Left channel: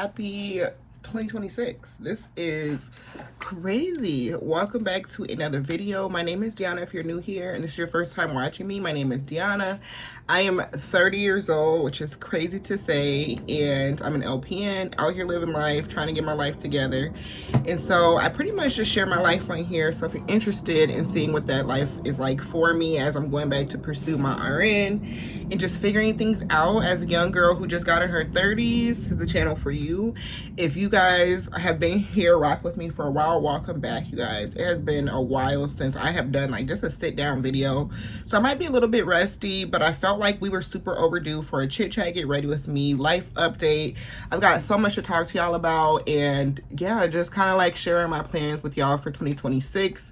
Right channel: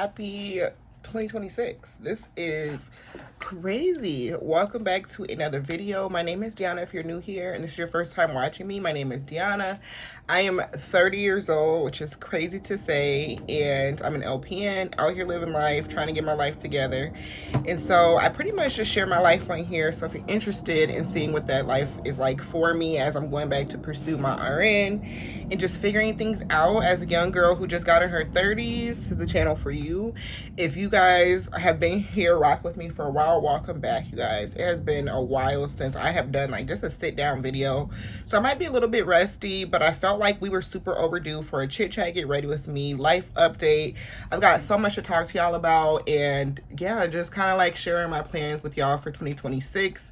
happy 2026. This is crazy. Welcome back to another video. My name is Deonna. If you're new here and this is your first time watching me, my name is Deonna. I am 30 years old, which is crazy to say, and I'm an LPN out here living life, trying to get my life together. And so I pretty much just share my life on here. So if you're interested in seeing what that life is like for me as I'm going back to pursue my RN and just figuring things out as a young girl who just got in her 30s, this is the channel for you. If you guys have been here, rock with me for a while, welcome back, you guys. It has been a while since I have done like just a sit down video, so I might be a little bit rusty, but I felt like we were super overdue for a chit chat, get ready with me, life update. I've got so much to talk to y'all about, and yeah, just kind of like sharing my plans with y'all for 2026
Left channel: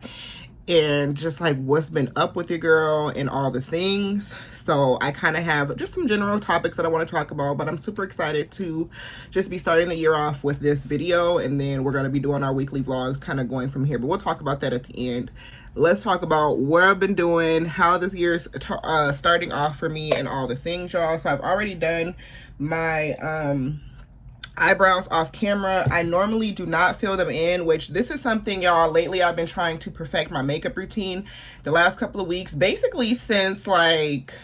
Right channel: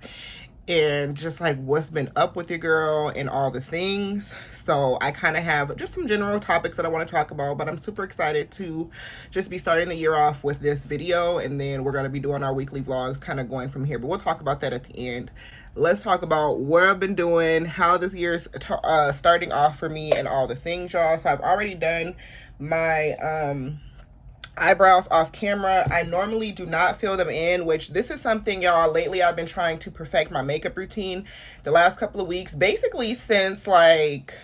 and just like what's been up with your girl and all the things. So I kind of have just some general topics that I want to talk about, but I'm super excited to just be starting the year off with this video, and then we're going to be doing our weekly vlogs kind of going from here, but we'll talk about that at the end. Let's talk about what I've been doing, how this year's starting off for me, and all the things, y'all. So I've already done my eyebrows off camera. I normally do not fill them in, which this is something, y'all, lately I've been trying to perfect my makeup routine the last couple of weeks, basically since like,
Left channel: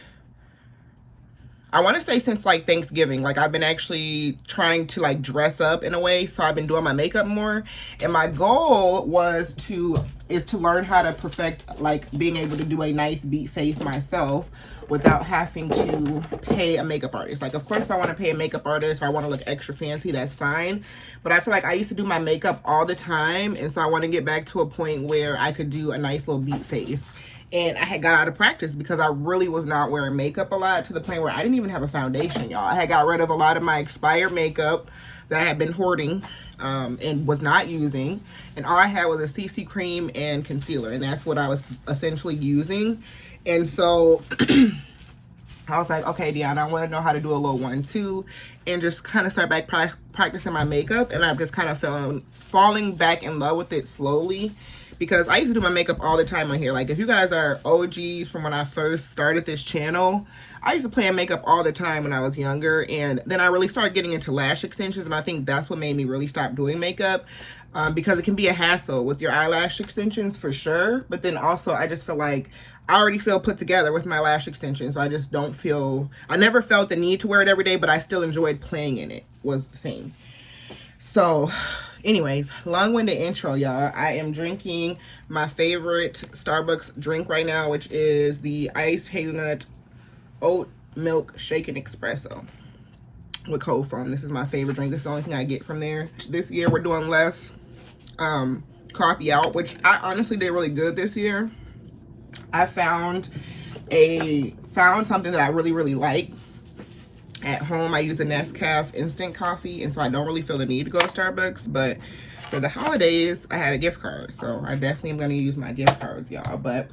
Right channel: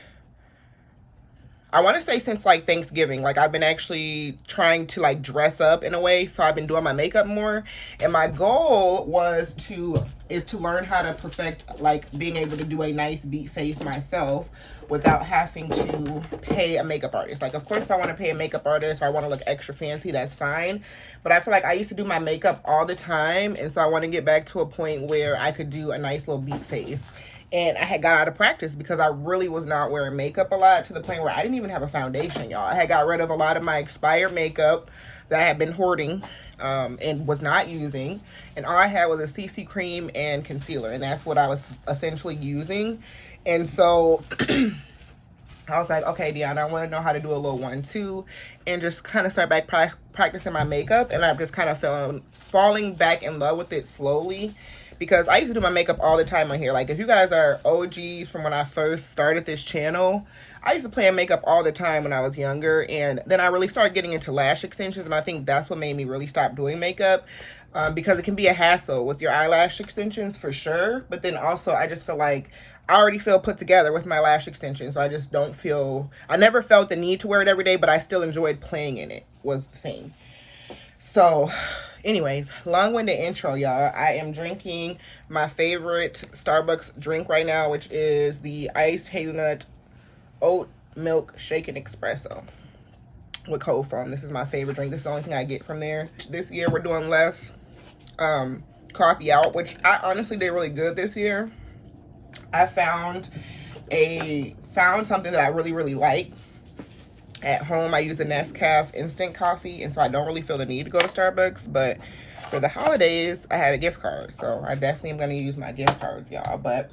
I want to say since like Thanksgiving. Like I've been actually trying to like dress up in a way, so I've been doing my makeup more, and my goal is to learn how to perfect like being able to do a nice beat face myself without having to pay a makeup artist. Like, of course, if I want to pay a makeup artist or I want to look extra fancy, that's fine, but I feel like I used to do my makeup all the time, and so I want to get back to a point where I could do a nice little beat face. And I had got out of practice because I really was not wearing makeup a lot, to the point where I didn't even have a foundation, y'all. I had got rid of a lot of my expired makeup that I had been hoarding and was not using, and all I had was a CC cream and concealer, and that's what I was essentially using. And so I was like, okay, Deonna, I want to know how to do a little 1-2 and just kind of start back practicing my makeup. And I've just kind of falling back in love with it slowly, because I used to do my makeup all the time on here. Like, if you guys are OGs from when I first started this channel, I used to play in makeup all the time when I was younger, and then I really started getting into lash extensions, and I think that's what made me really stop doing makeup, because it can be a hassle with your eyelash extensions for sure, but then also I just feel like I already feel put together with my lash extensions, so I just don't feel, I never felt the need to wear it every day, but I still enjoyed playing in it, was the thing. So anyways, long-winded intro, y'all. I am drinking my favorite Starbucks drink right now, which is the iced hazelnut oat milk shaken espresso with cold foam. This is my favorite drink. This is the only thing I get from there. This year we're doing less coffee out, which I honestly did really good this year. I found something that I really like. At home, I use a Nescafe instant coffee, and so I don't really feel the need to go to Starbucks, but for the holidays, I had a gift card, so I definitely am going to use my gift cards, y'all. But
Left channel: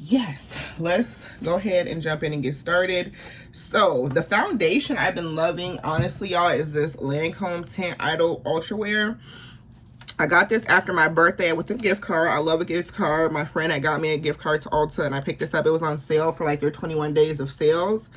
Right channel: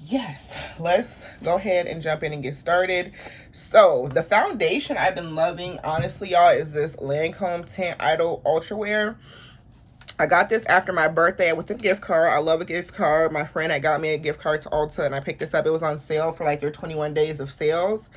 yes, let's go ahead and jump in and get started. So the foundation I've been loving, honestly, y'all, is this Lancome Tint Idol Ultra Wear. I got this after my birthday with a gift card. I love a gift card. My friend had got me a gift card to Ulta, and I picked this up. It was on sale for like their 21 days of sales.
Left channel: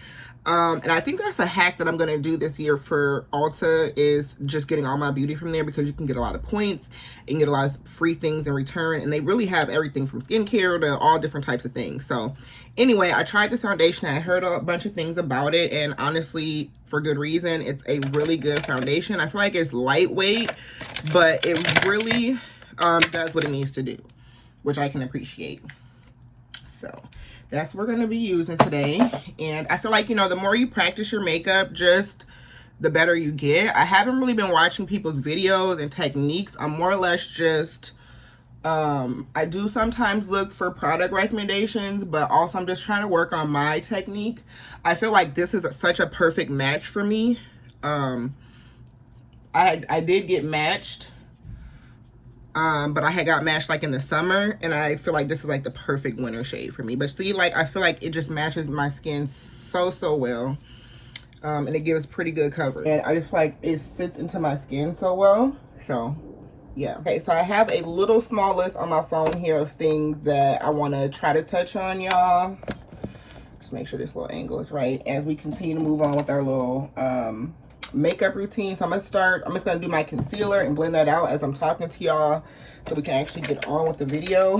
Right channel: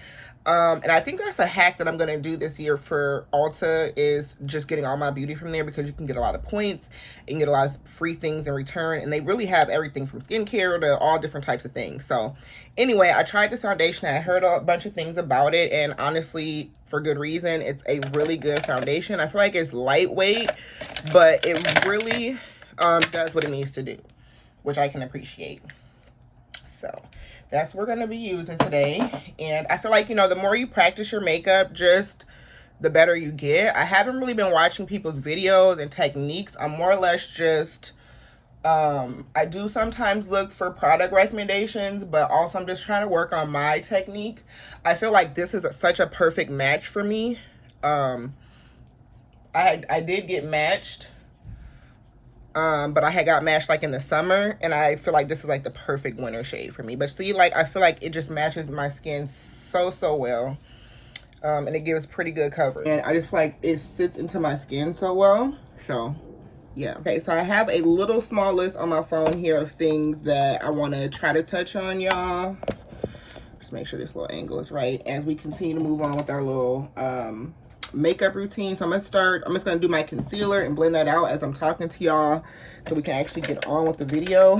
And I think that's a hack that I'm going to do this year for Ulta, is just getting all my beauty from there, because you can get a lot of points and get a lot of free things in return. And they really have everything from skincare to all different types of things. So anyway, I tried this foundation. I heard a bunch of things about it, and honestly, for good reason. It's a really good foundation. I feel like it's lightweight, but it really does what it needs to do, which I can appreciate. So that's what we're going to be using today. And I feel like, you know, the more you practice your makeup, just the better you get. I haven't really been watching people's videos and techniques. I'm more or less just, I do sometimes look for product recommendations, but also I'm just trying to work on my technique. I feel like this is such a perfect match for me. I did get matched. But I had got matched like in the summer, and I feel like this is like the perfect winter shade for me. But see, like, I feel like it just matches my skin so well, and it gives pretty good coverage, and I just feel like it sits into my skin so well. So yeah. Okay, so I have a little small list on my phone here of things that I want to try to touch on, y'all. Just make sure this little angle is right as we continue to move on with our little makeup routine. So I'm just gonna do my concealer and blend that out as I'm talking to y'all so we can actually get on with the video.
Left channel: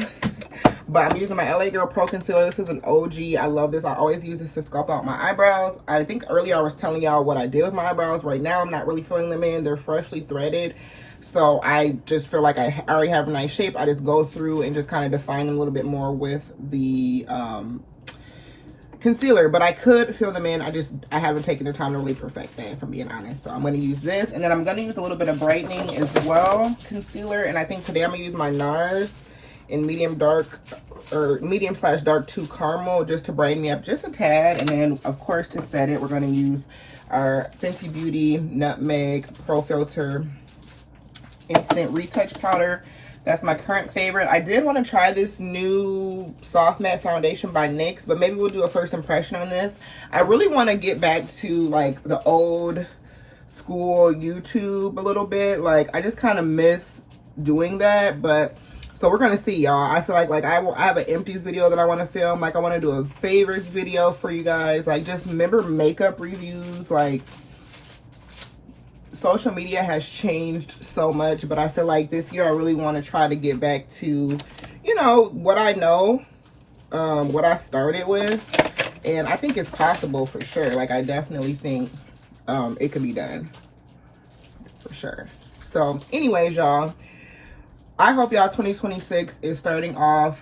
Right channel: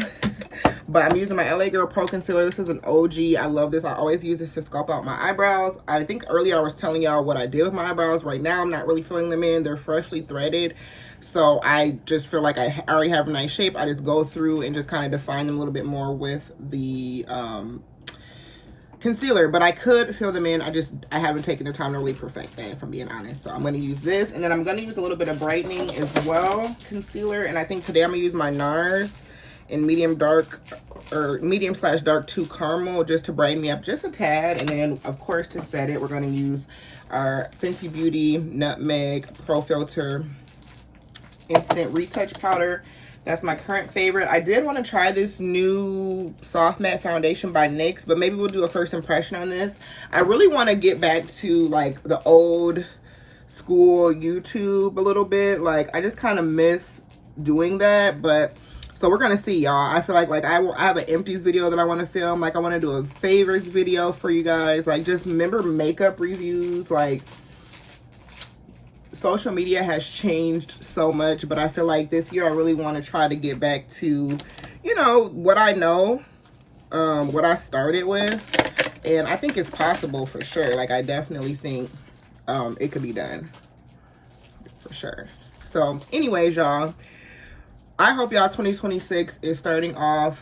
But I'm using my LA Girl Pro Concealer. This is an OG. I love this. I always use this to sculpt out my eyebrows. I think earlier I was telling y'all what I did with my eyebrows. Right now, I'm not really filling them in. They're freshly threaded. So I just feel like I already have a nice shape. I just go through and just kind of define them a little bit more with the concealer. But I could fill them in. I haven't taken the time to really perfect that, if I'm being honest. So I'm going to use this. And then I'm going to use a little bit of brightening as well, concealer. And I think today I'm going to use my NARS in medium slash dark 2 caramel, just to brighten me up just a tad. And then of course to set it, we're going to use our Fenty Beauty Nutmeg Pro Filter Instant Retouch Powder. That's my current favorite. I did want to try this new soft matte foundation by NYX, but maybe we'll do a first impression on this. I really want to get back to like the old school YouTube a little bit. Like I just kind of miss doing that. But so we're gonna see, y'all. I feel like I have an empties video that I want to film. Like I want to do a favorites video for you guys. Like just remember makeup reviews. Like social media has changed so much, but I feel like this year I really want to try to get back to, you know, what I know, what I started with, and I think it's possible for sure. Like I definitely think it could be done for sure. So anyways, y'all, I hope y'all 2026 is starting off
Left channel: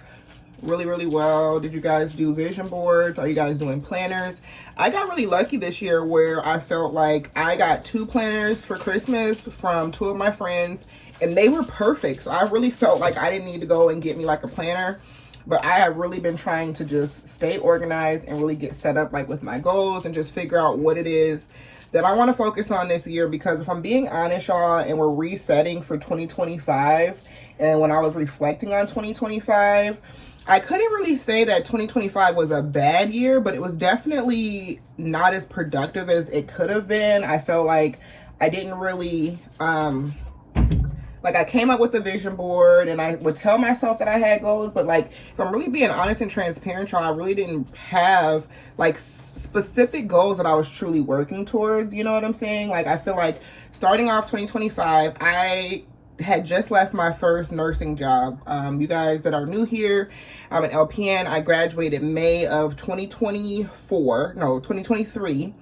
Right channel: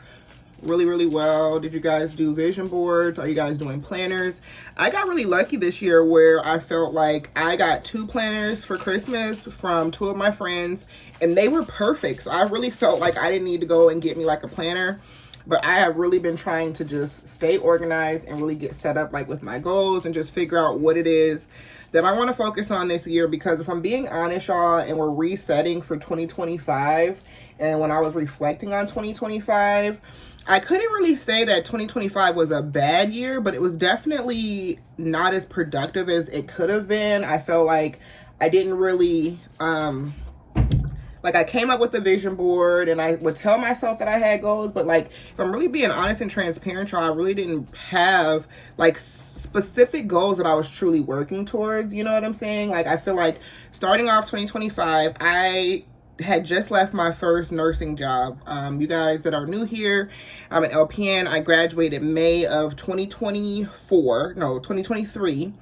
really, really well. Did you guys do vision boards? Are you guys doing planners? I got really lucky this year where I felt like I got 2 planners for Christmas from 2 of my friends, and they were perfect. So I really felt like I didn't need to go and get me like a planner, but I have really been trying to just stay organized and really get set up like with my goals and just figure out what it is that I want to focus on this year. Because if I'm being honest, y'all, and we're resetting for 2025, and when I was reflecting on 2025, I couldn't really say that 2025 was a bad year, but it was definitely not as productive as it could have been. I felt like I didn't really, like I came up with a vision board and I would tell myself that I had goals, but like, if I'm really being honest and transparent, y'all, I really didn't have like specific goals that I was truly working towards. You know what I'm saying? Like, I feel like starting off 2025, I had just left my first nursing job. You guys that are new here, I'm an LPN. I graduated May of 2024, no, 2023,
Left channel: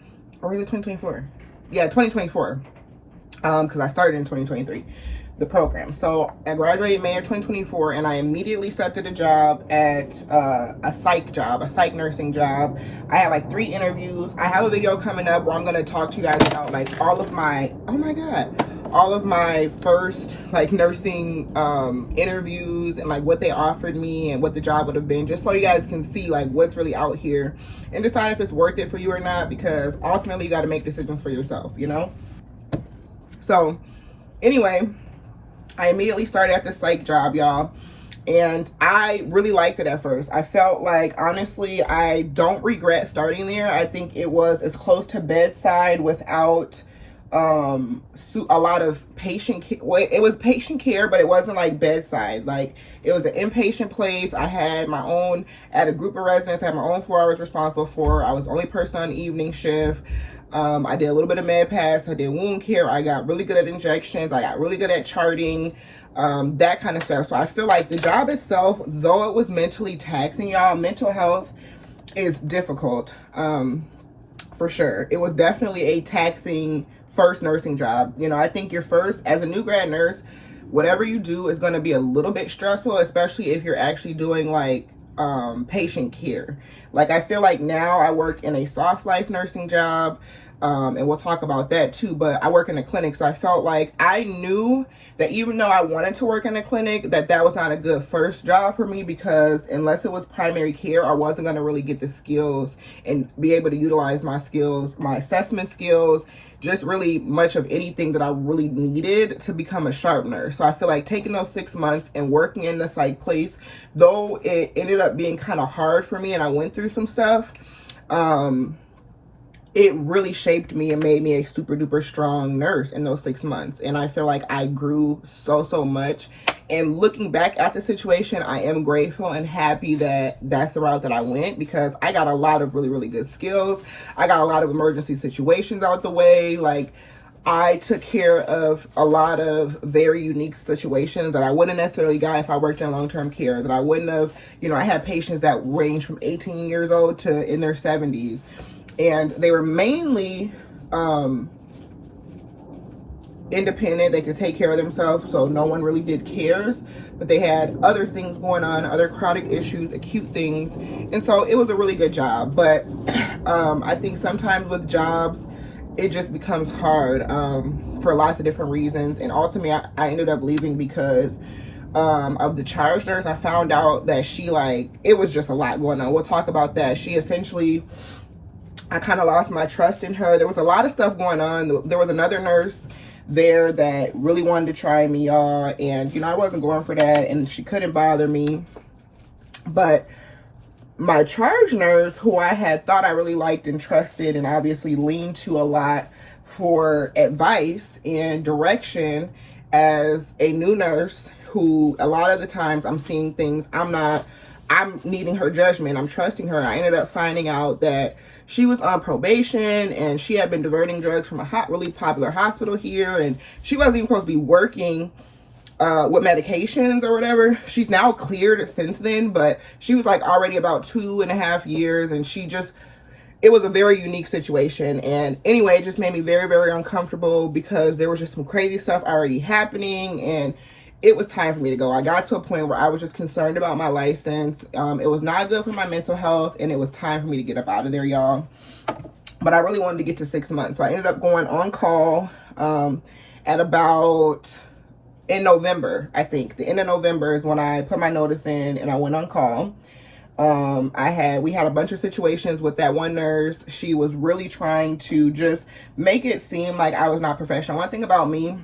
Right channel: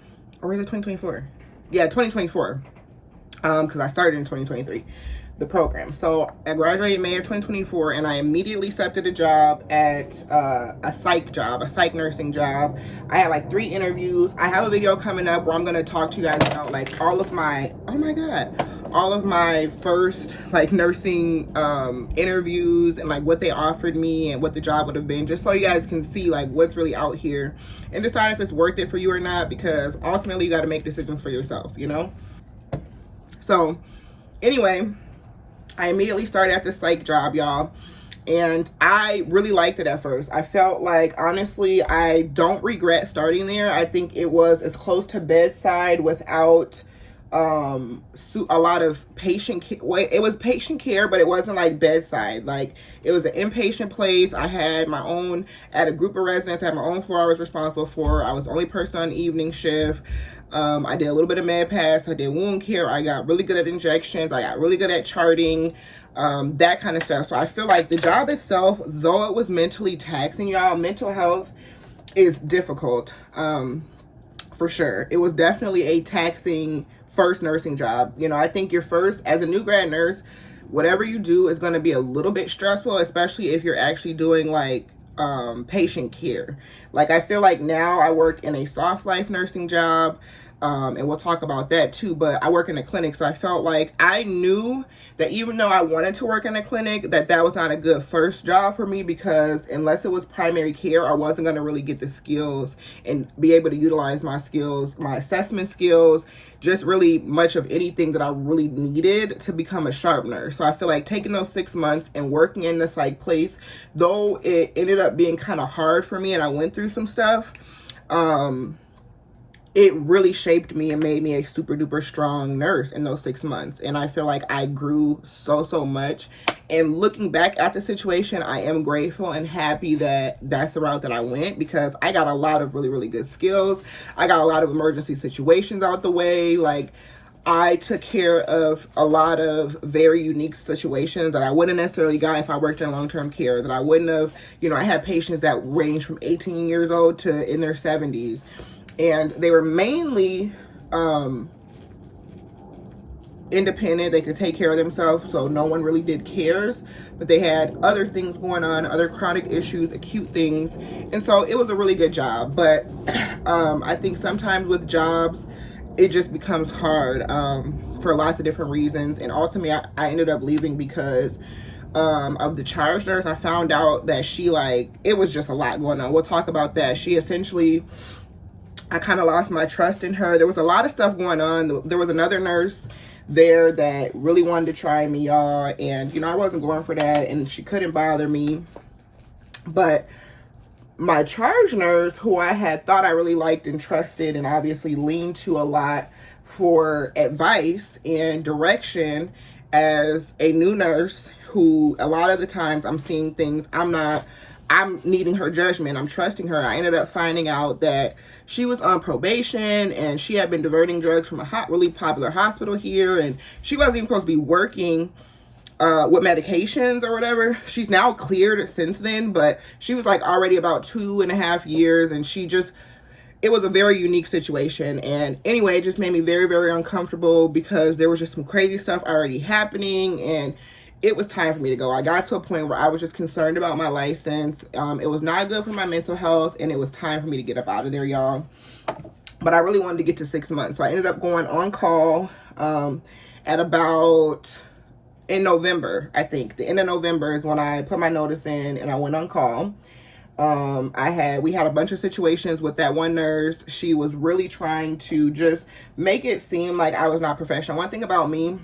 or is it 2024? Yeah, 2024, because I started in 2023, the program. So I graduated May of 2024, and I immediately accepted a job at a psych nursing job. I had like 3 interviews. I have a video coming up where I'm gonna talk to you guys about like all of my, oh my God, all of my first like nursing interviews and like what they offered me and what the job would have been, just so you guys can see like what's really out here and decide if it's worth it for you or not, because ultimately you got to make decisions for yourself, you know. So anyway, I immediately started at the psych job, y'all, and I really liked it at first. I felt like, honestly, I don't regret starting there. I think it was as close to bedside without a lot of patient care. It was patient care, but it wasn't like bedside. Like, it was an inpatient place. I had my own, at a group of residents, I had my own floor I was responsible for. I was the only person on evening shift. I did a little bit of med pass. I did wound care. I got really good at injections. I got really good at charting, that kind of stuff. So I feel like the job itself, though it was mentally taxing, y'all, mental health is difficult, for sure. It was definitely a taxing first nursing job. You know, I think your first, as a new grad nurse, whatever you do is going to be a little bit stressful, especially if you're actually doing like patient care. Like, I feel like now I work in a soft life nursing job, and we'll talk about that too, but I work in a clinic. So I felt like I knew that even though I wanted to work in a clinic, that was not a good first job for me, because unless it was primary care, I wasn't going to really get the skills and be able to utilize my skills, my assessment skills, just really much of anything that I really needed to become a sharp nurse. So I feel like taking those 6 months and working in this like place, though it ended up being kind of hard for me and I went through some stuff, it really shaped me and made me a super duper strong nurse in those 6 months. And I feel like I grew so much. And looking back at the situation, I am grateful and happy that that's the route that I went, because I got a lot of really good skills. I got a lot of emergency situations out the way. Like, I took care of a lot of very unique situations that I wouldn't necessarily got if I worked in long-term care, that I wouldn't have, you know, I had patients that range from 18 years old to in their 70s. And they were mainly independent. They could take care of themselves, so no one really did cares, but they had other things going on, other chronic issues, acute things, and so it was a really good job. But I think sometimes with jobs, it just becomes hard for lots of different reasons, and ultimately I ended up leaving because of the charge nurse. I found out that she, like, it was just a lot going on. We'll talk about that. She essentially, I kind of lost my trust in her. There was a lot of stuff going on. There was another nurse there that really wanted to try me, y'all, and you know, I wasn't going for that, and she couldn't bother me. But my charge nurse, who I had thought I really liked and trusted and obviously leaned to a lot for advice and direction as a new nurse, who a lot of the times I'm seeing things, I'm needing her judgment, I'm trusting her. I ended up finding out that she was on probation and she had been diverting drugs from a really popular hospital here, and she wasn't even supposed to be working with medications or whatever. She's now cleared since then, but she was like already about 2.5 years, and it was a very unique situation. And anyway, it just made me very, very uncomfortable because there was just some crazy stuff already happening, and it was time for me to go. I got to a point where I was just concerned about my license. It was not good for my mental health, and it was time for me to get up out of there, y'all. But I really wanted to get to 6 months. So I ended up going on call at about in November, I think. The end of November is when I put my notice in and I went on call. We had a bunch of situations with that one nurse. She was really trying to just make it seem like I was not professional. One thing about me,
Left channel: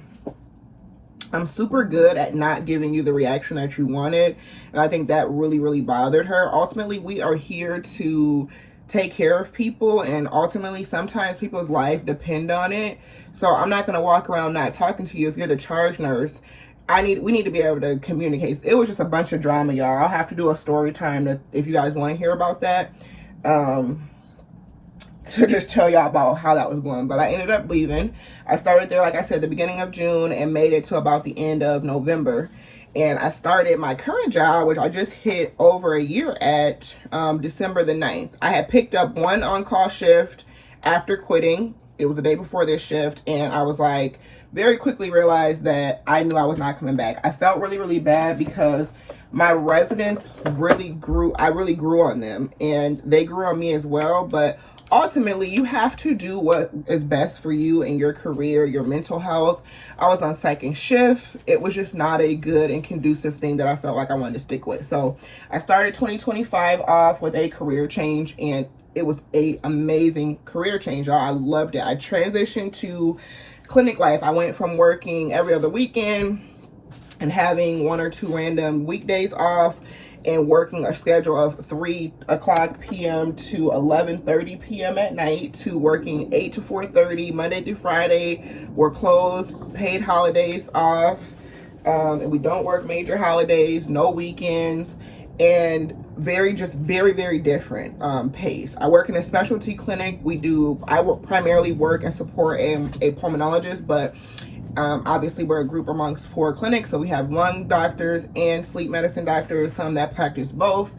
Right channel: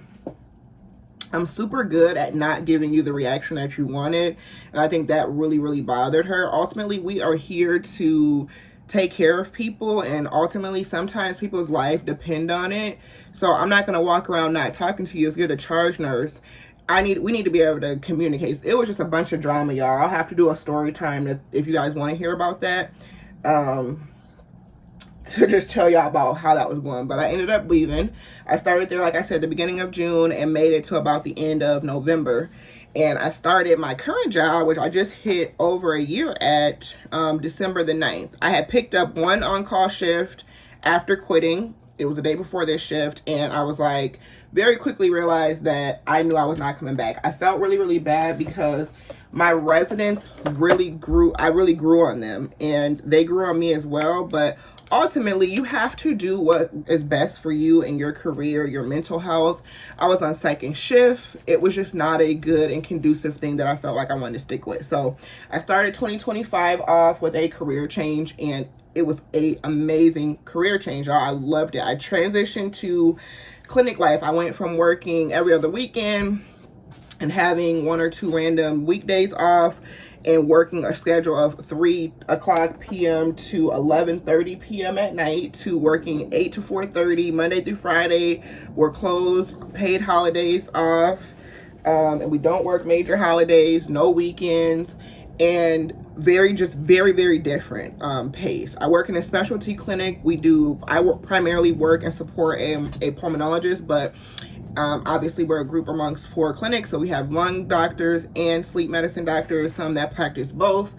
I'm super good at not giving you the reaction that you wanted. And I think that really, really bothered her. Ultimately, we are here to take care of people, and ultimately sometimes people's life depend on it. So I'm not going to walk around not talking to you if you're the charge nurse. We need to be able to communicate. It was just a bunch of drama, y'all. I'll have to do a story time if you guys want to hear about that. To just tell y'all about how that was going. But I ended up leaving. I started there, like I said, the beginning of June and made it to about the end of November. And I started my current job, which I just hit over a year at, December the 9th. I had picked up one on-call shift after quitting. It was the day before this shift. And I was like, very quickly realized that I knew I was not coming back. I felt really, really bad because my residents really grew. I really grew on them, and they grew on me as well. But ultimately, you have to do what is best for you and your career, your mental health. I was on second shift. It was just not a good and conducive thing that I felt like I wanted to stick with. So I started 2025 off with a career change, and it was an amazing career change, y'all. I loved it. I transitioned to clinic life. I went from working every other weekend and having 1 or 2 random weekdays off, and working a schedule of 3:00 p.m. to 11:30 p.m. at night, to working 8 to 4:30 Monday through Friday. We're closed, paid holidays off, and we don't work major holidays, no weekends, and very, very different pace. I work in a specialty clinic. Primarily work and support a pulmonologist, but obviously we're a group amongst 4 clinics, so we have lung doctors and sleep medicine doctors, some that practice both,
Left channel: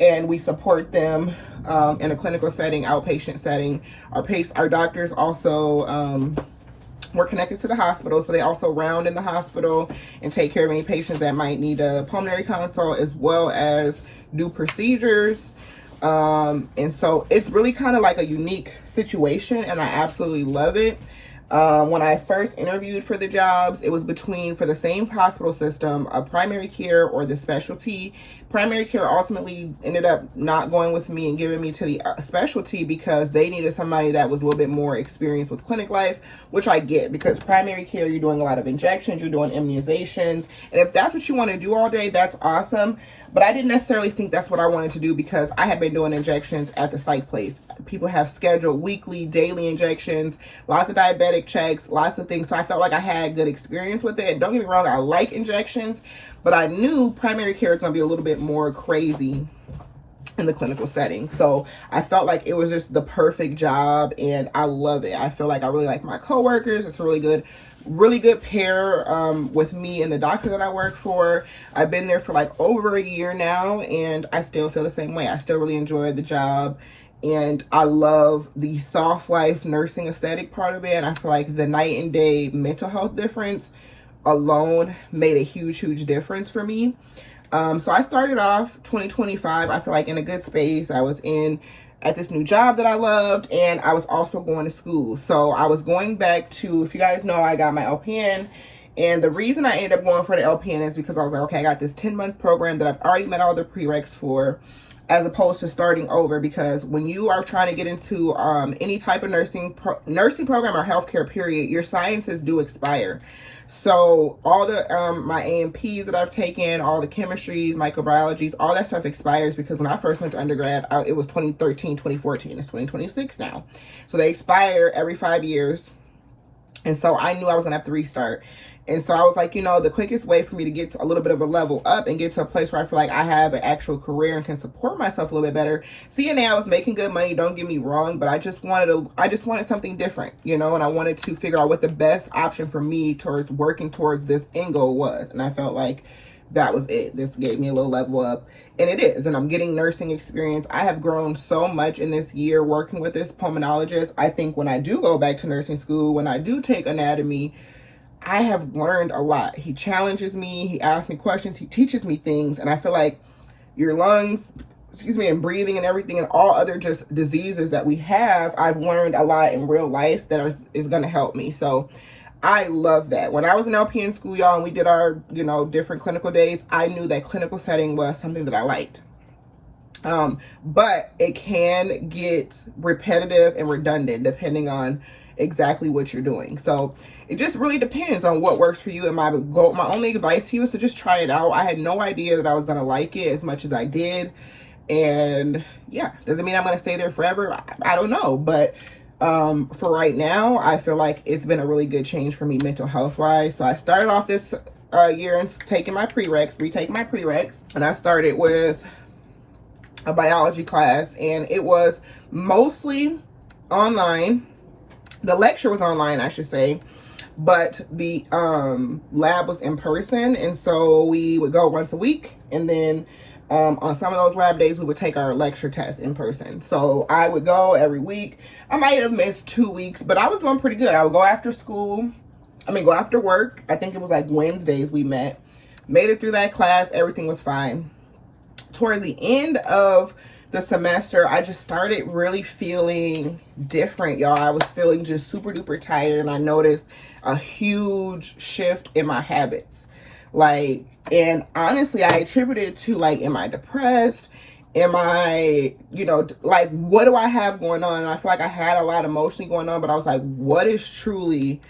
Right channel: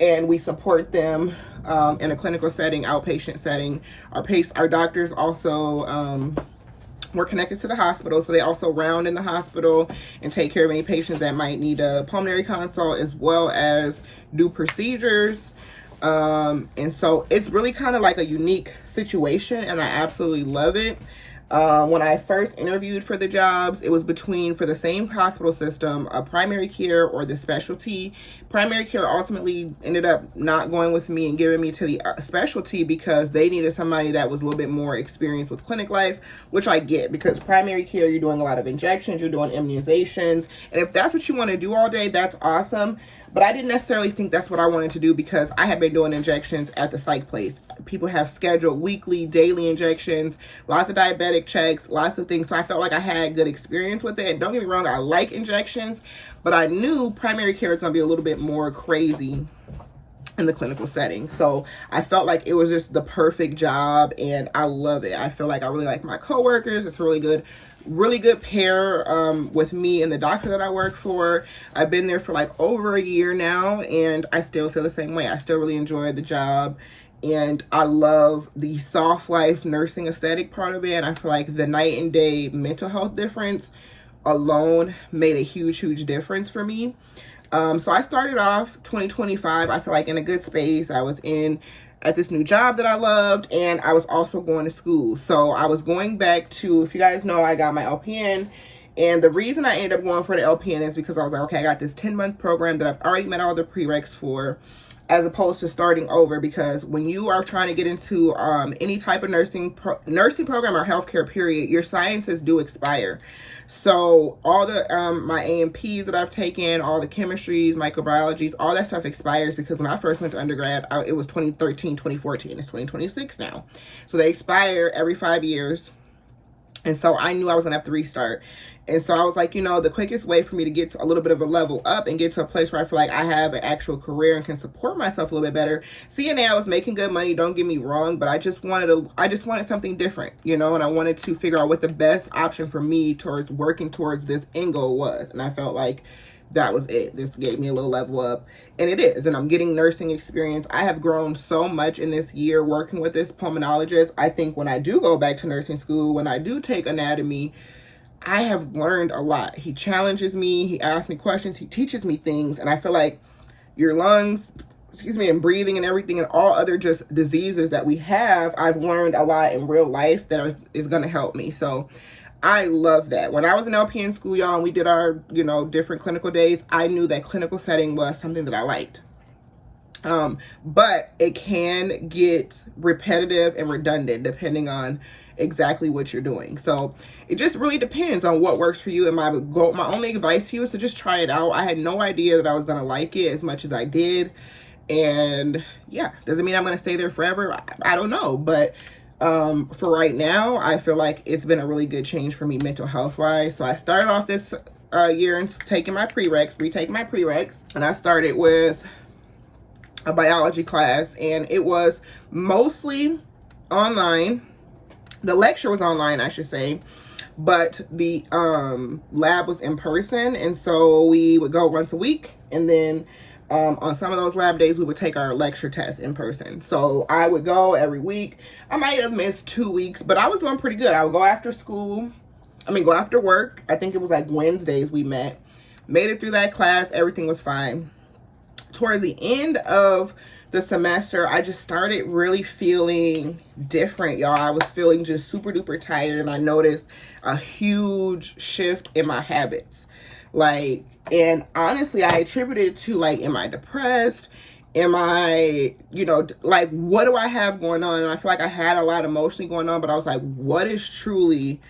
and we support them in a clinical setting, outpatient setting. Our doctors also, we're connected to the hospital, so they also round in the hospital and take care of any patients that might need a pulmonary consult, as well as do procedures. And so it's really kind of like a unique situation, and I absolutely love it. When I first interviewed for the jobs, it was for the same hospital system, a primary care or the specialty. Primary care ultimately ended up not going with me and giving me to the specialty because they needed somebody that was a little bit more experienced with clinic life, which I get, because primary care, you're doing a lot of injections, you're doing immunizations, and if that's what you want to do all day, that's awesome. But I didn't necessarily think that's what I wanted to do, because I had been doing injections at the psych place. People have scheduled weekly, daily injections, lots of diabetic checks, lots of things. So I felt like I had good experience with it. And don't get me wrong, I like injections, but I knew primary care is going to be a little bit more crazy in the clinical setting. So I felt like it was just the perfect job, and I love it. I feel like I really like my coworkers. It's a really good pair with me and the doctor that I work for. I've been there for like over a year now, and I still feel the same way. I still really enjoy the job, and I love the soft life nursing aesthetic part of it. And I feel like the night and day mental health difference alone made a huge difference for me. So I started off 2025, I feel like, in a good space. I was at this new job that I loved, and I was also going to school. So I was going back to, if you guys know, I got my LPN, and the reason I ended up going for the LPN is because I was like, okay, I got this 10-month program that I've already met all the prereqs for, as opposed to starting over. Because when you are trying to get into any type of nursing program or healthcare period, your sciences do expire. So all the my A&Ps that I've taken, all the chemistries, microbiologies, all that stuff expires, because when I first went to undergrad, it was 2013, 2014. It's 2026 now. So they expire every 5 years. And so I knew I was gonna have to restart. And so I was like, you know, the quickest way for me to get to a little bit of a level up and get to a place where I feel like I have an actual career and can support myself a little bit better. CNA, I was making good money, don't get me wrong, but I just wanted something different, you know, and I wanted to figure out what the best option for me towards working towards this end goal was. And I felt like that was it. This gave me a little level up, and it is. And I'm getting nursing experience. I have grown so much in this year working with this pulmonologist. I think when I do go back to nursing school, when I do take anatomy, I have learned a lot. He challenges me, he asks me questions, he teaches me things, and I feel like your lungs, and breathing and everything, and all other just diseases that we have, I've learned a lot in real life that is going to help me. So I love that. When I was in LPN school, y'all, and we did our, you know, different clinical days, I knew that clinical setting was something that I liked. But it can get repetitive and redundant depending on exactly what you're doing. So it just really depends on what works for you. And my only advice to you is to just try it out. I had no idea that I was going to like it as much as I did. And yeah, doesn't mean I'm going to stay there forever. I don't know. But for right now, I feel like it's been a really good change for me mental health wise. So I started off this year and retaking my prereqs. And I started with a biology class, and it was mostly online. The lecture was online, I should say, but the lab was in person. And so we would go once a week, and then on some of those lab days we would take our lecture test in person. So I would go every week. I might have missed 2 weeks, but I was doing pretty good. I would go after work. I think it was like Wednesdays we made it through that class. Everything was fine. Towards the end of the semester, I just started really feeling different, y'all. I was feeling just super duper tired, and I noticed a huge shift in my habits. Like, and honestly, I attributed it to, like, am I depressed? Am I, you know, like, what do I have going on? And I feel like I had a lot emotionally going on, but I was like, what is truly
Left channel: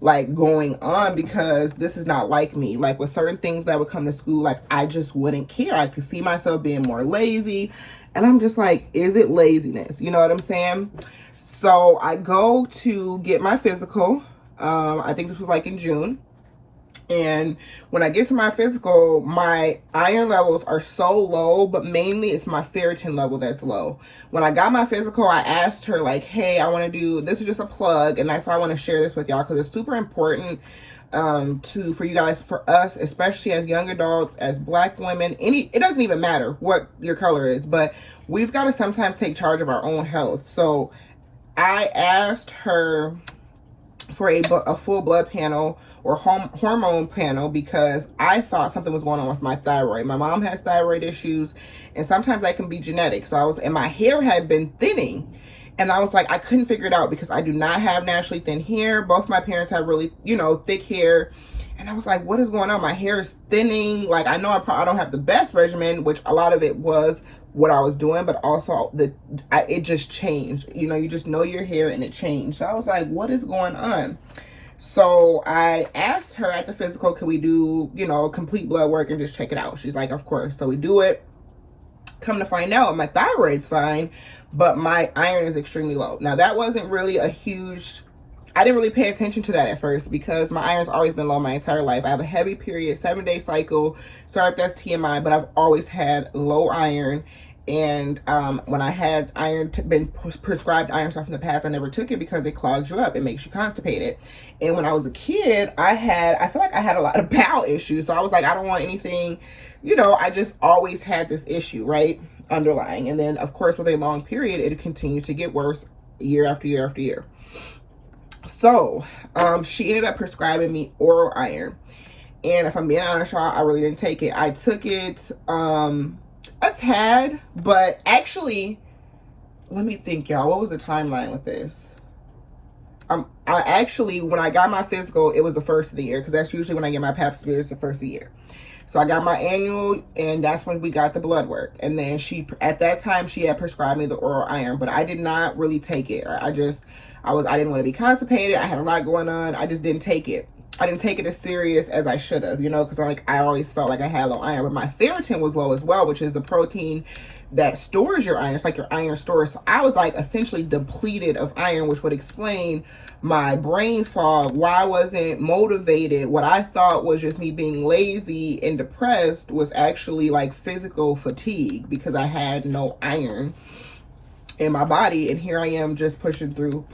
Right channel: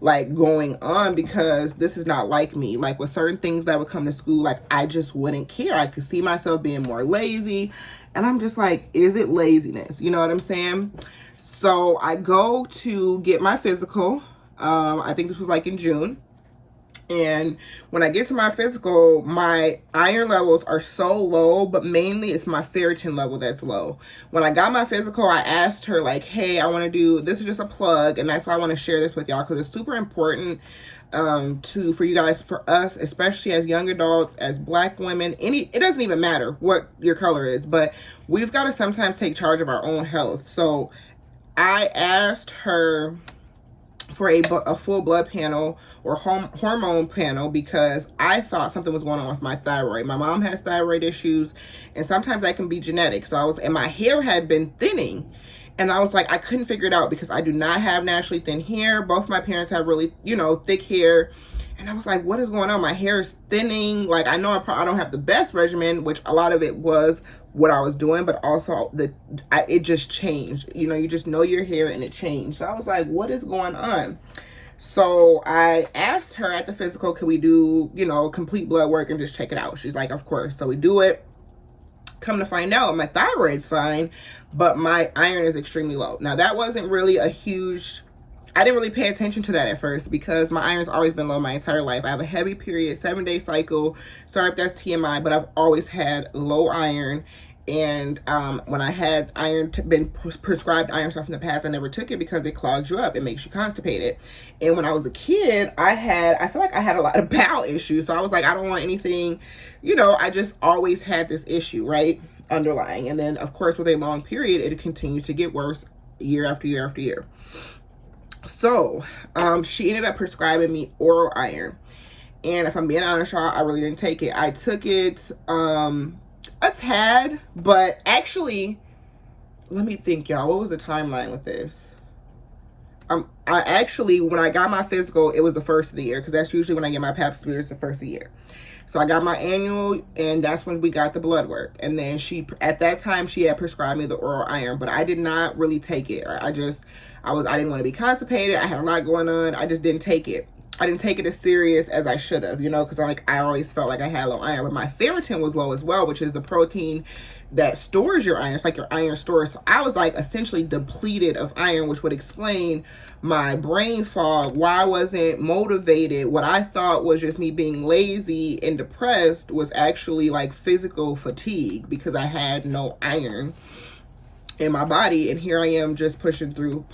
like going on? Because this is not like me. Like, with certain things that would come to school, like, I just wouldn't care. I could see myself being more lazy, and I'm just like, is it laziness? You know what I'm saying? So I go to get my physical. I think this was like in June. And when I get to my physical, my iron levels are so low, but mainly it's my ferritin level that's low. When I got my physical, I asked her, like, hey, I want to do, this is just a plug, and that's why I want to share this with y'all, because it's super important for you guys, for us, especially as young adults, as Black women. It doesn't even matter what your color is, but we've got to sometimes take charge of our own health. So I asked her for a full blood panel or hormone panel, because I thought something was going on with my thyroid. My mom has thyroid issues, and sometimes that can be genetic. So and my hair had been thinning, and I was like, I couldn't figure it out because I do not have naturally thin hair. Both my parents have really, you know, thick hair. And I was like, what is going on? My hair is thinning. Like, I know I don't have the best regimen, which a lot of it was what I was doing, but also it just changed. You know, you just know your hair and it changed. So I was like, what is going on? So I asked her at the physical, could we do, you know, complete blood work and just check it out? She's like, of course. So we do it. Come to find out, my thyroid's fine, but my iron is extremely low. Now, that wasn't really I didn't really pay attention to that at first, because my iron's always been low my entire life. I have a heavy period, 7-day cycle. Sorry if that's TMI, but I've always had low iron. And when I had been prescribed iron stuff in the past, I never took it because it clogs you up. It makes you constipated. And when I was a kid, I feel like I had a lot of bowel issues. So I was like, I don't want anything, you know, I just always had this issue, right? Underlying. And then, of course, with a long period, it continues to get worse year after year after year. So she ended up prescribing me oral iron. And if I'm being honest, y'all, I really didn't take it. I took it a tad, but actually, let me think, y'all. What was the timeline with this? I actually, when I got my physical, it was the first of the year, because that's usually when I get my pap smears, the first of the year. So I got my annual, and that's when we got the blood work. And then at that time, she had prescribed me the oral iron, but I did not really take it. I didn't want to be constipated. I had a lot going on. I just didn't take it. I didn't take it as serious as I should have, you know, because I always felt like I had low iron. But my ferritin was low as well, which is the protein that stores your iron. It's like your iron storage. So I was like essentially depleted of iron, which would explain my brain fog, why I wasn't motivated. What I thought was just me being lazy and depressed was actually like physical fatigue, because I had no iron in my body, and here I am just pushing through.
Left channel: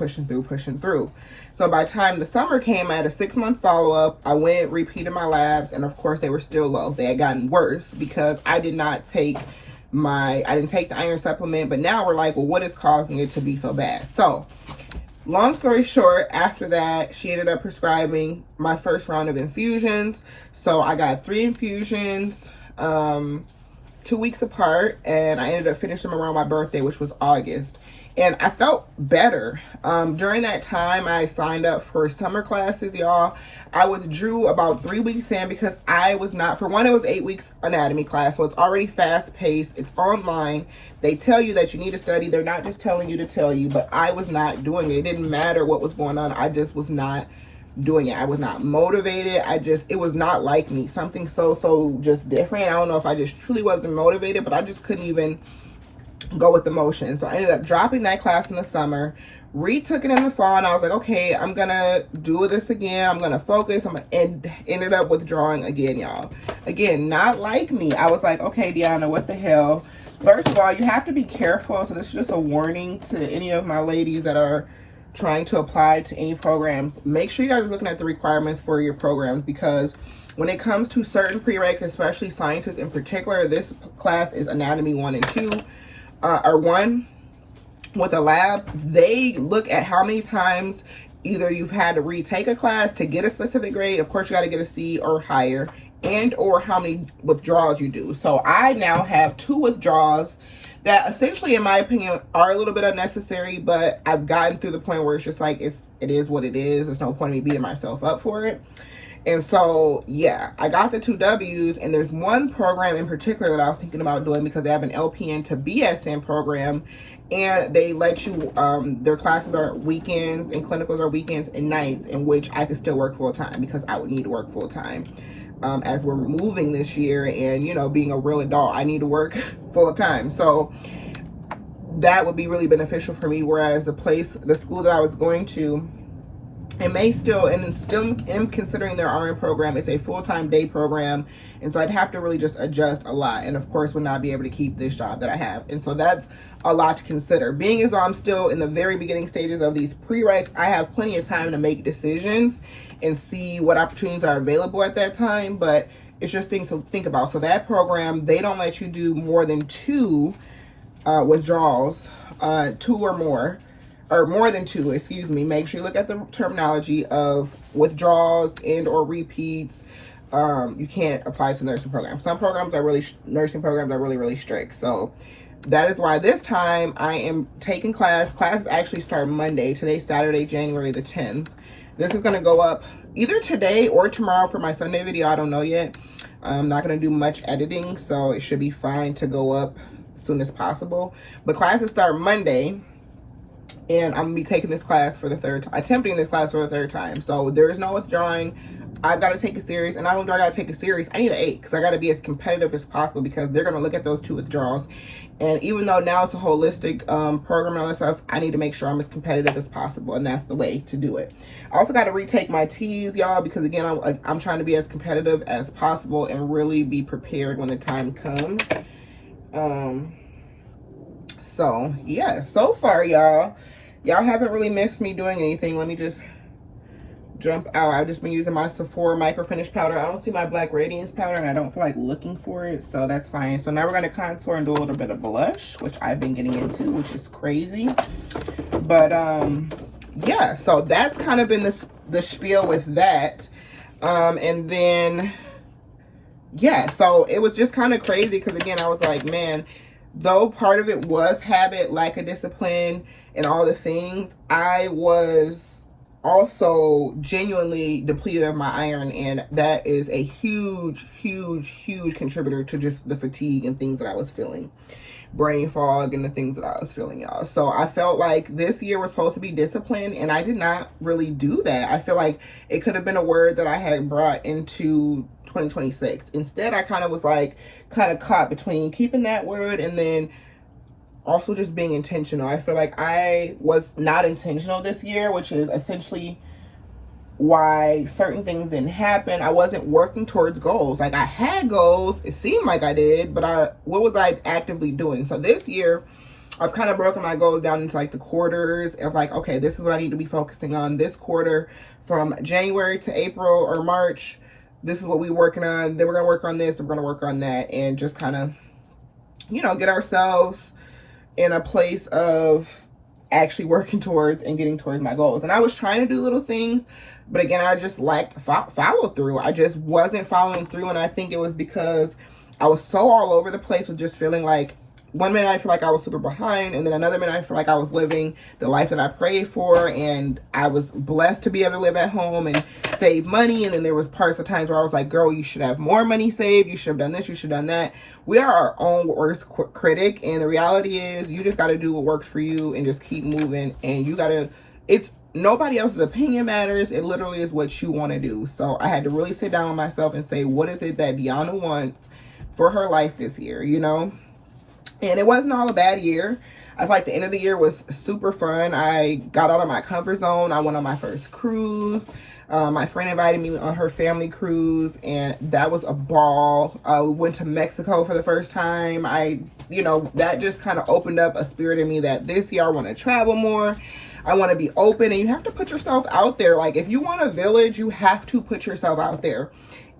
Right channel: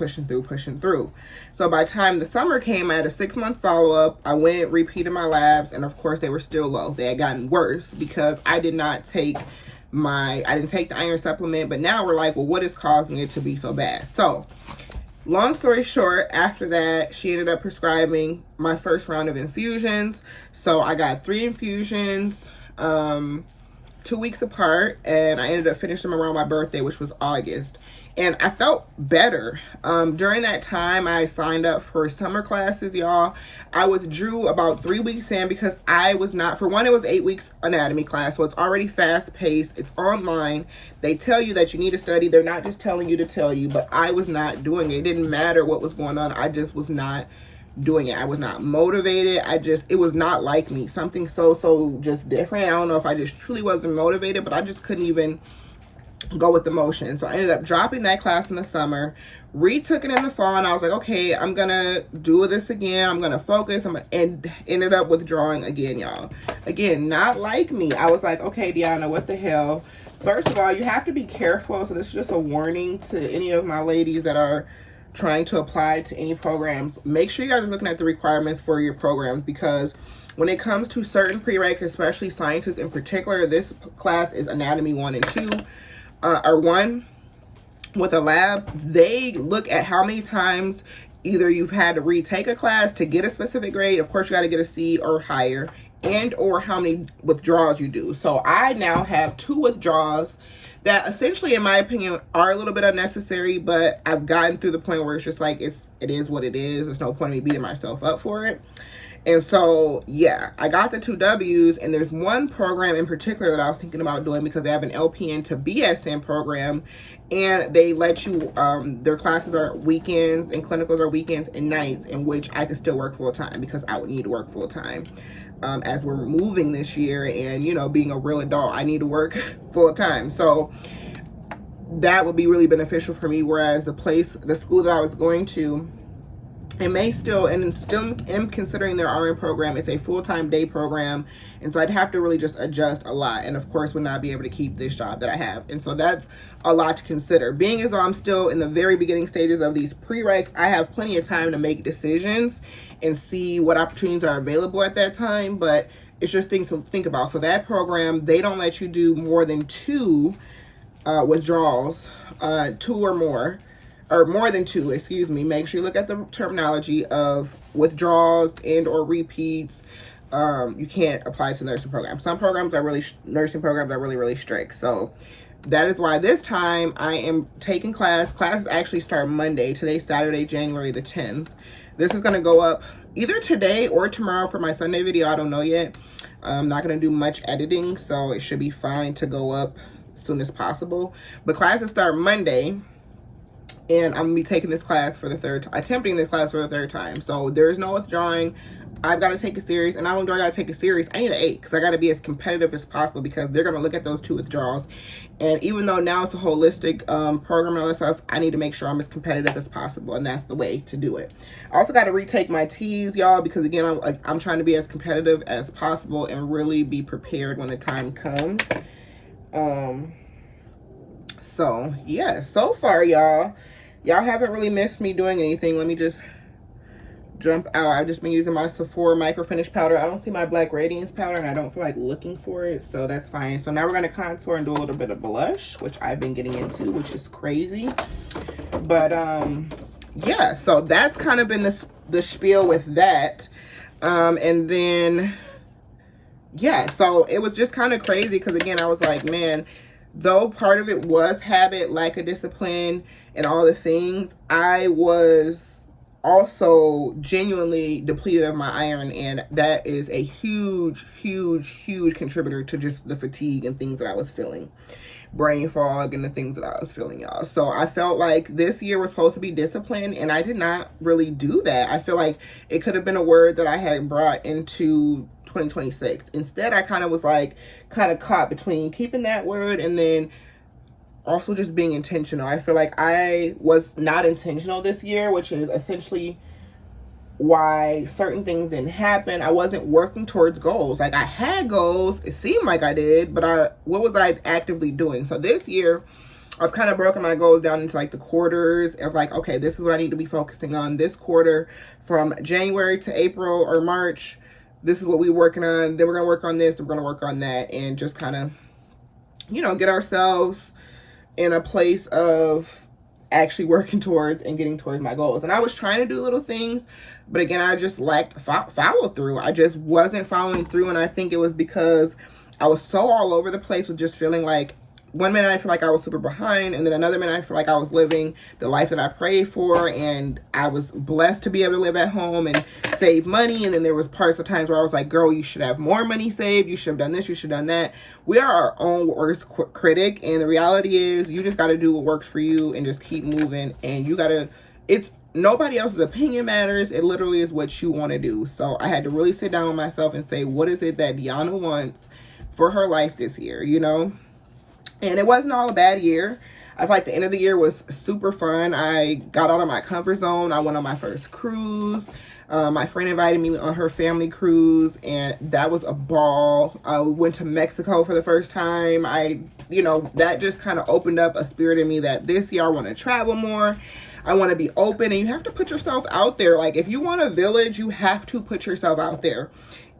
So by the time the summer came, I had a 6-month follow-up. I went, repeated my labs, and of course they were still low. They had gotten worse because I didn't take the iron supplement. But now we're like, well, what is causing it to be so bad? So long story short, after that, she ended up prescribing my first round of infusions. So I got 3 infusions, 2 weeks apart, and I ended up finishing them around my birthday, which was August. And I felt better. During that time, I signed up for summer classes, y'all. I withdrew about 3 weeks in because I was not, for one, it was 8 weeks anatomy class, so it's already fast paced. It's online. They tell you that you need to study. They're not just telling you to tell you, but I was not doing it. It didn't matter what was going on. I just was not doing it. I was not motivated. It was not like me. Something so just different. I don't know if I just truly wasn't motivated, but I just couldn't even go with the motion. So I ended up dropping that class in the summer, retook it in the fall, and I was like, okay, I'm gonna do this again. I'm gonna focus. And ended up withdrawing again, y'all. Again, not like me. I was like, okay, Deonna, what the hell? First of all, you have to be careful. So this is just a warning to any of my ladies that are trying to apply to any programs. Make sure you guys are looking at the requirements for your programs, because when it comes to certain prereqs, especially sciences in particular, this class is anatomy 1 and 2, or 1 with a lab. They look at how many times either you've had to retake a class to get a specific grade. Of course, you got to get a C or higher, and or how many withdrawals you do. So I now have 2 withdrawals that essentially, in my opinion, are a little bit unnecessary, but I've gotten through the point where it's just like, it is what it is. There's no point in me beating myself up for it. And so, yeah, I got the 2 W's, and there's one program in particular that I was thinking about doing because they have an LPN to BSN program, and they let you, their classes are weekends and clinicals are weekends and nights, in which I could still work full time because I would need to work full time. As we're moving this year, and, you know, being a real adult, I need to work full time. So that would be really beneficial for me. Whereas the school that I was going to, it may still am considering their RN program. It's a full-time day program. And so I'd have to really just adjust a lot. And of course, would not be able to keep this job that I have. And so that's a lot to consider. Being as though I'm still in the very beginning stages of these prereqs, I have plenty of time to make decisions and see what opportunities are available at that time. But it's just things to think about. So that program, they don't let you do more than 2 withdrawals, 2 or more. Or more than 2, excuse me. Make sure you look at the terminology of withdrawals and or repeats. You can't apply to nursing programs. Some programs are nursing programs are really strict. So that is why this time I am taking class. Classes actually start Monday. Today's Saturday, January the 10th. This is going to go up either today or tomorrow for my Sunday video. I don't know yet. I'm not going to do much editing, so it should be fine to go up as soon as possible. But classes start Monday. And I'm gonna be taking this class for the 3rd time, attempting this class for the 3rd time. So there is no withdrawing. I've got to take a series, and not only do I got to take a series, I need an 8 because I got to be as competitive as possible, because they're gonna look at those 2 withdrawals. And even though now it's a holistic program and all that stuff, I need to make sure I'm as competitive as possible, and that's the way to do it. I also got to retake my T's, y'all, because again, I'm trying to be as competitive as possible and really be prepared when the time comes. So yeah, so far y'all haven't really missed me doing anything. Let me just jump out. I've just been using my Sephora micro finish powder. I don't see my black radiance powder and I don't feel like looking for it, so that's fine. So now we're going to contour and do a little bit of blush, which I've been getting into, which is crazy. But yeah, so that's kind of been the spiel with that. And then yeah, so it was just kind of crazy because again, I was like, man, though part of it was habit, lack of discipline and all the things, I was also genuinely depleted of my iron, and that is a huge contributor to just the fatigue and things that I was feeling, brain fog and the things that I was feeling, y'all. So I felt like this year was supposed to be disciplined, and I did not really do that. I feel like it could have been a word that I had brought into 2026. Instead, I kind of was like caught between keeping that word and then also just being intentional. I feel like I was not intentional this year, which is essentially why certain things didn't happen. I wasn't working towards goals. Like, I had goals, it seemed like I did, but what was I actively doing? So this year I've kind of broken my goals down into like the quarters of like, okay, this is what I need to be focusing on this quarter from January to April or March. This is what we're working on. Then we're gonna work on this, we're gonna work on that, and just kind of, you know, get ourselves in a place of actually working towards and getting towards my goals. And I was trying to do little things, but again, I just lacked follow through. I just wasn't following through, and I think it was because I was so all over the place with just feeling like, one minute I feel like I was super behind, and then another minute I feel like I was living the life that I prayed for, and I was blessed to be able to live at home and save money. And then there was parts of times where I was like, girl, you should have more money saved, you should have done this, you should have done that. We are our own worst critic, and the reality is you just got to do what works for you and just keep moving. And you got to, it's nobody else's opinion matters. It literally is what you want to do. So I had to really sit down with myself and say, what is it that Deonna wants for her life this year, you know? And it wasn't all a bad year. I feel like the end of the year was super fun. I got out of my comfort zone. I went on my first cruise. My friend invited me on her family cruise, and that was a ball. We went to Mexico for the first time. You know, that just kind of opened up a spirit in me that this year I want to travel more. I want to be open, and you have to put yourself out there. Like, if you want a village, you have to put yourself out there.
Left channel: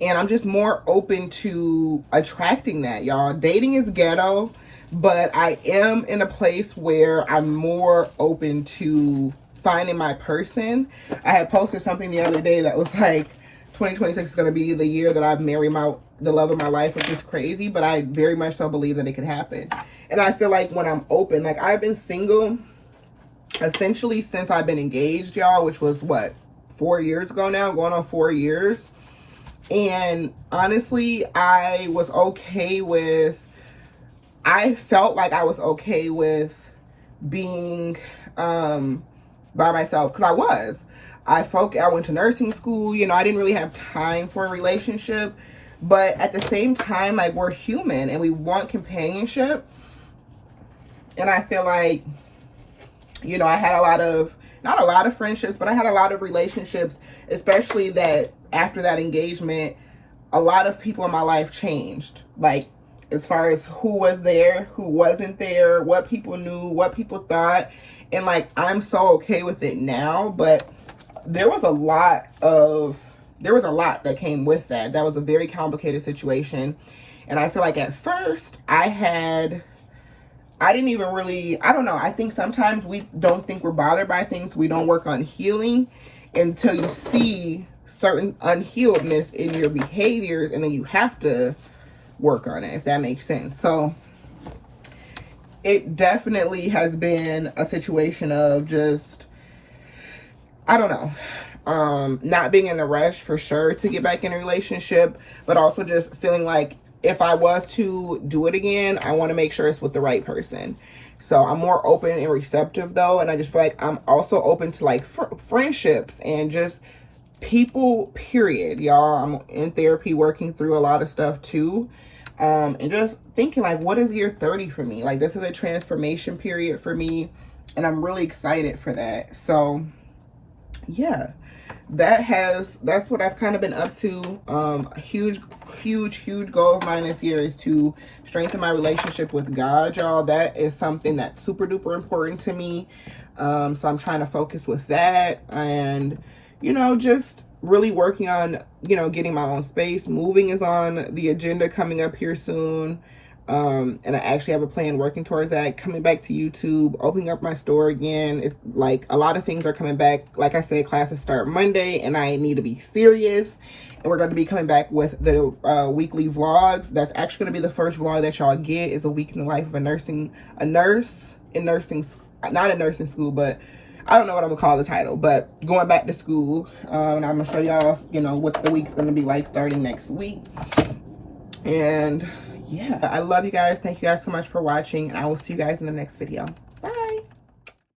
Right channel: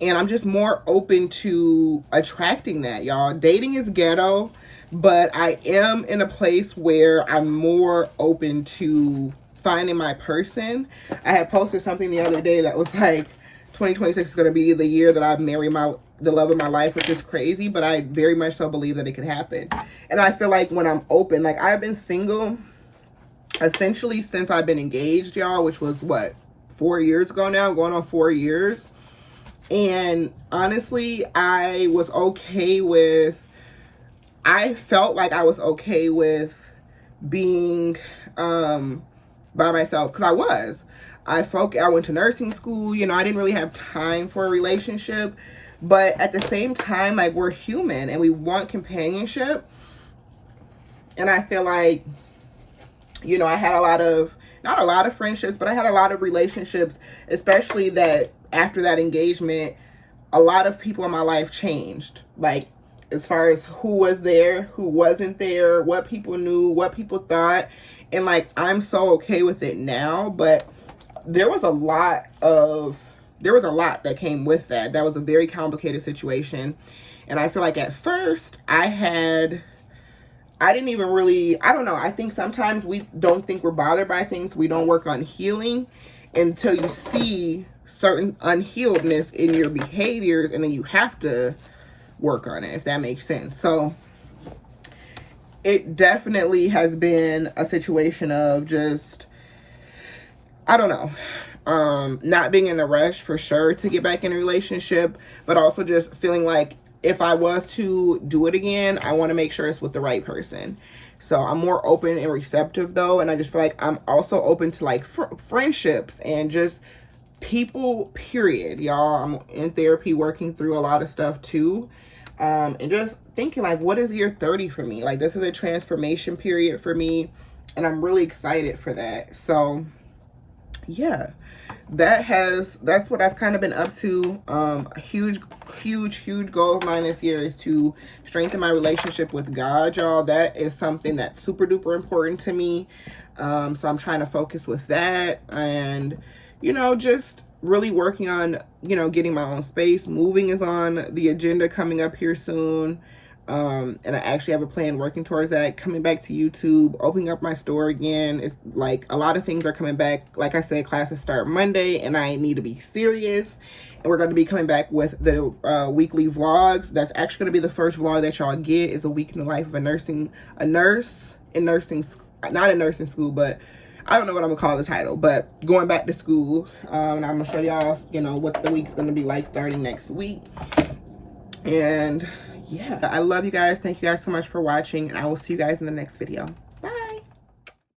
And I'm just more open to attracting that, y'all. Dating is ghetto, but I am in a place where I'm more open to finding my person. I had posted something the other day that was like, 2026 is going to be the year that I marry the love of my life, which is crazy, but I very much so believe that it could happen. And I feel like when I'm open, like, I've been single essentially since I've been engaged, y'all, which was what, 4 years ago now, going on 4 years. And honestly, I felt like I was okay with being by myself, because I went to nursing school, you know, I didn't really have time for a relationship, but at the same time, like, we're human and we want companionship. And I feel like, you know, I had not a lot of friendships, but I had a lot of relationships, especially that after that engagement, a lot of people in my life changed. Like, as far as who was there, who wasn't there, what people knew, what people thought. And like, I'm so okay with it now, but there was a lot that came with that. That was a very complicated situation. And I feel like at first I didn't even really, I don't know. I think sometimes we don't think we're bothered by things. We don't work on healing until you see certain unhealedness in your behaviors, and then you have to work on it, if that makes sense. So it definitely has been a situation of just, I don't know, not being in a rush for sure to get back in a relationship, but also just feeling like if I was to do it again, I want to make sure it's with the right person. So I'm more open and receptive though, and I just feel like I'm also open to like friendships and just people, period, y'all. I'm in therapy working through a lot of stuff too, and just thinking like, what is year 30 for me? Like, this is a transformation period for me, and I'm really excited for that. So yeah, that's what I've kind of been up to. A huge goal of mine this year is to strengthen my relationship with God, y'all. That is something that's super duper important to me. So I'm trying to focus with that, and you know, just really working on, you know, getting my own space. Moving is on the agenda coming up here soon. And I actually have a plan working towards that. Coming back to YouTube, opening up my store again. It's like a lot of things are coming back. Like I said, classes start Monday and I need to be serious. And we're going to be coming back with the weekly vlogs. That's actually going to be the first vlog that y'all get, is a week in the life of a nurse in nursing, not in nursing school, but I don't know what I'm gonna call the title, but going back to school. And I'm gonna show y'all, you know, what the week's gonna be like starting next week. And yeah, I love you guys. Thank you guys so much for watching, and I will see you guys in the next video.